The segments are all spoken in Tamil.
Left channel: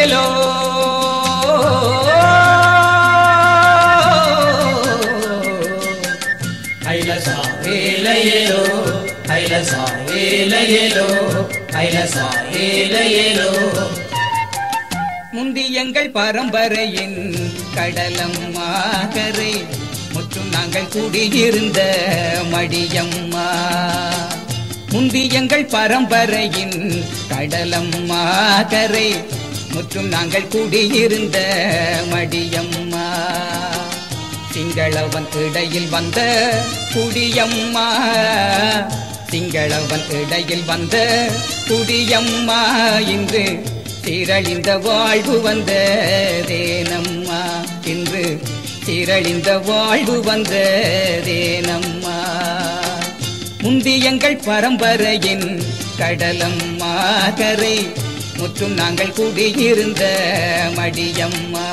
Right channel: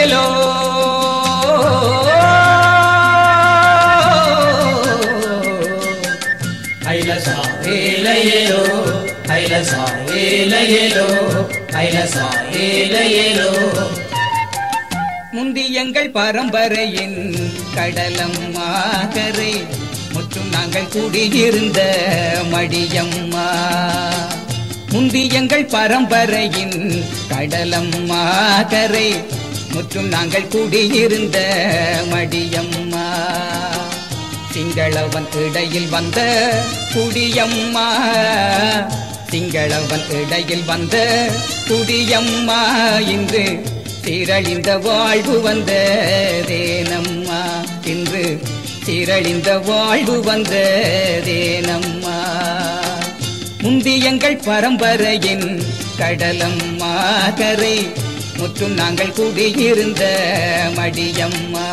லையேலோ ஐலசா லையேலோ ஐலசா லையேலோ ஐலசா லையேலோ. முந்தி எங்கள் பரம்பரையின் கடலம்மா கரை முற்றும் நாங்கள் குடியிருந்த மடியம்மா. முந்தி எங்கள் பரம்பரையின் கடலம்மா கரை முற்றும் நாங்கள் குடியிருந்த மடியம்மா. திங்களவன் இடையில் வந்த குடியம்மா, திங்களவன் இடையில் வந்த குடியம்மா. இன்று திரளிந்த வாழ்வு வந்ததேனம்மா, இன்று திரளிந்த வாழ்வு வந்ததேனம்மா. முந்தி எங்கள் பரம்பரையின் கடலம்மா கரை முற்றும் நாங்கள் குடியிருந்த மடியம்மா.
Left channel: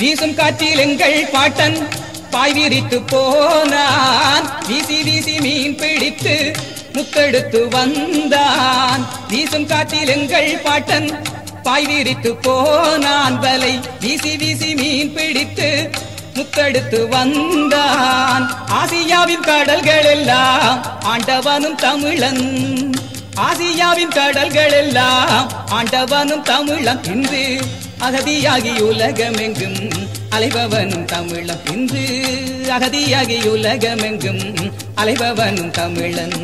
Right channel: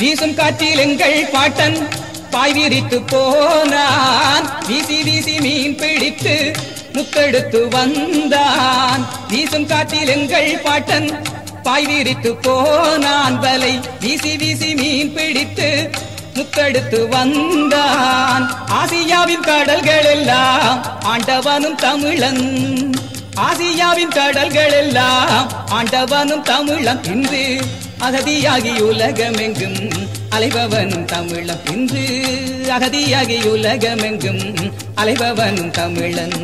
வீசும் காற்றில் எங்கள் பாட்டன் பாய் விரித்து போனான், வீசி வீசி மீன் பிடித்து முத்தெடுத்து வந்தான். வீசும் காற்றில் எங்கள் பாட்டன் பாய் விரித்து போனான், வலை வீசி வீசி மீன் பிடித்து முத்தெடுத்து வந்தான். ஆசியாவின் கடல்கள் எல்லாம் ஆண்டவனும் தமிழன், ஆசியாவின் கடல்கள் எல்லாம் ஆண்டவனும் தமிழன். இன்று அகதியாகி உலகமெங்கும் அலைபவனும் தமிழன், இன்று அகதியாகி உலகமெங்கும் அலைபவனும் தமிழன்.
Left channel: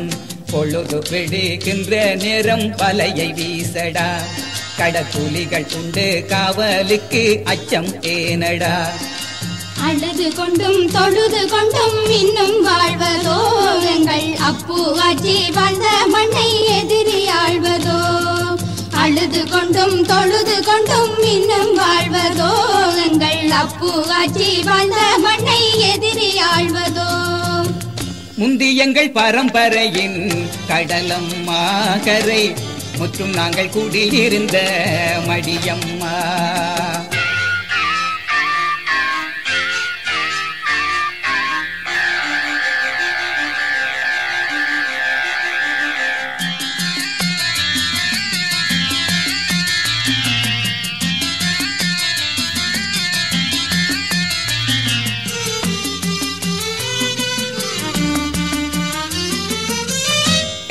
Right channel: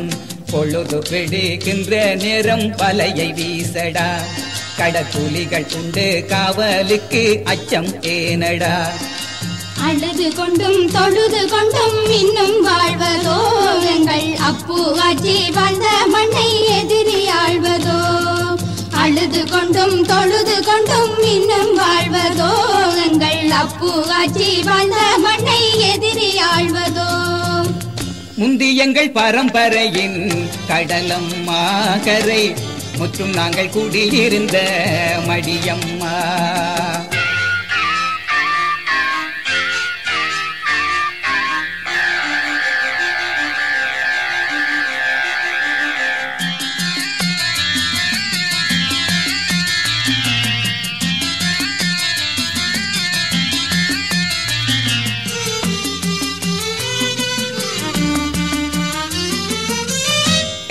பொழுது விடுகின்ற நேரம் வலையை வீசடா, கடற்கூலிகள் உண்டு காவலுக்கு அச்சம் ஏனடா. அழுது கொண்டும் தொழுது கொண்டும் இன்னும் வாழ்வதோ, எங்கள் அப்புவாச்சி வந்த மண்ணை எதிரி ஆழ்வதோ. அழுது கொண்டும் தொழுது கொண்டும் இன்னும் வாழ்வதோ, எங்கள் அப்புவாச்சி வந்த மண்ணை எதிரி ஆழ்வதோ. முந்தி எங்கள் பரம்பரையின் கடலம்மா கரை முற்றும் நாங்கள் குடியிருந்த மடியம்மா.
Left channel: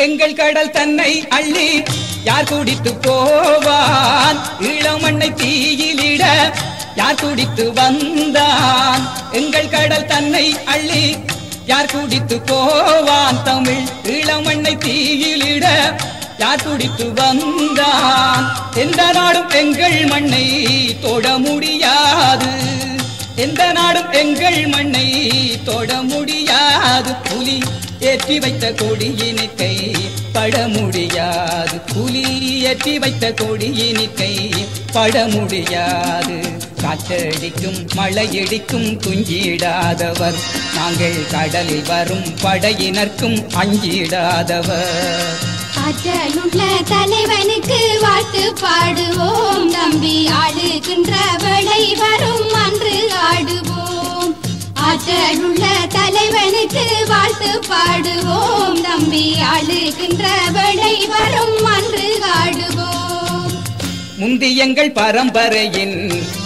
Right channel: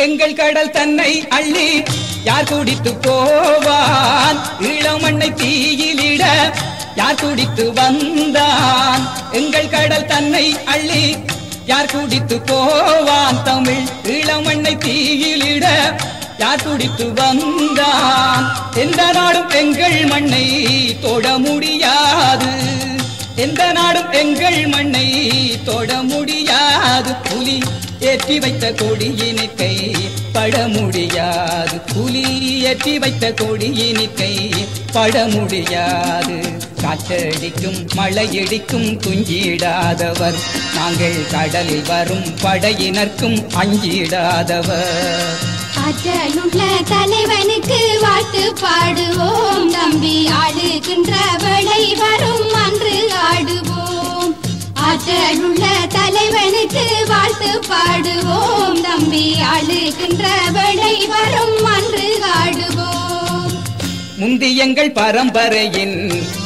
எங்கள் கடல் தன்னை அள்ளி யார் குடித்து போவான், ஈழமண்ணை தீயிலிட யார் குடித்து வந்தான். எங்கள் கடல் தன்னை அள்ளி யார் குடித்து போவான், தமிழ் ஈழமண்ணை தீயிலிட யார் குடித்து வந்தான். எந்த நாடும் எங்கள் மண்ணை தொட முடியாது, எந்த நாடும் எங்கள் மண்ணை தொட முடியாது. புலி ஏற்றி வைத்த கொடியினிக்கை பட முடியாது, புலி ஏற்றி வைத்த கொடியினிக்கை பட முடியாது. காற்றடிக்கும் மழையடிக்கும் துஞ்சிடாதவர், நாங்கள் கடலில் வரும் படையினர்க்கும் அஞ்சிடாதவர். ஆற்றலுள்ள தலைவனுக்கு வாழ்த்து பாடுவோம், நம்பி ஆடுகின்ற வேளை வரும் அன்று ஆடுவோம். ஆற்றலுள்ள தலைவனுக்கு வாழ்த்து பாடுவோம், நம்பி ஆடுகின்ற வேளை வரும் அன்று ஆடுவோம். முந்தி எங்கள் பரம்பரையின்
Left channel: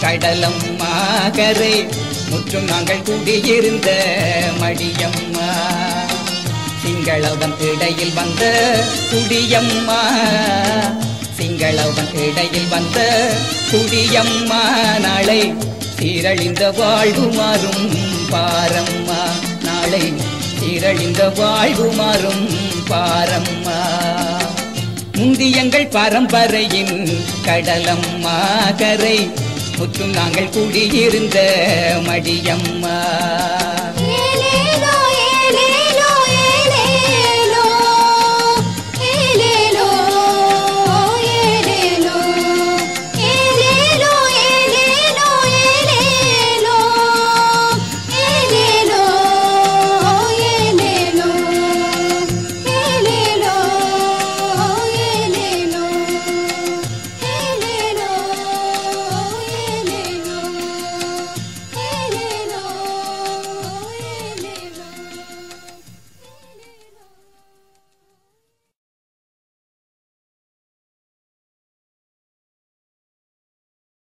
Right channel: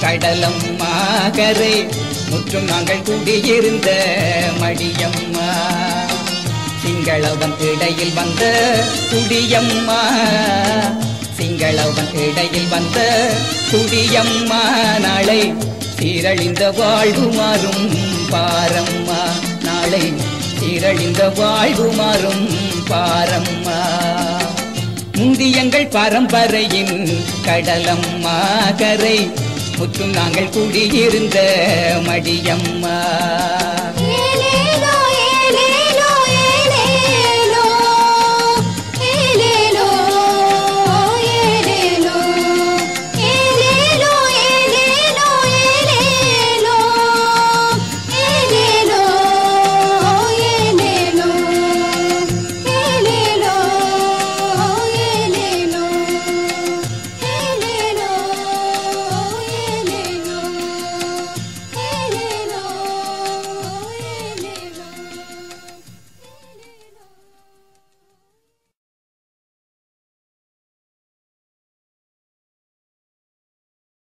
கடலம்மா கரை முற்றும் நாங்கள் குடியிருந்த மடியம்மா. சிங்களவன் இடையில் வந்த குடியம்மா, சிங்களவன் இடையில் வந்த குடியம்மா. நாளை சீரழிந்த வாழ்வு மாறும் பாரம்மா, நாளை சீரழிந்த வாழ்வு மாறும் பாரம்மா. முந்தி எங்கள் பரம்பரையின் கடலம்மா கரை முற்றும் நாங்கள் குடியிருந்த மடியம்மா.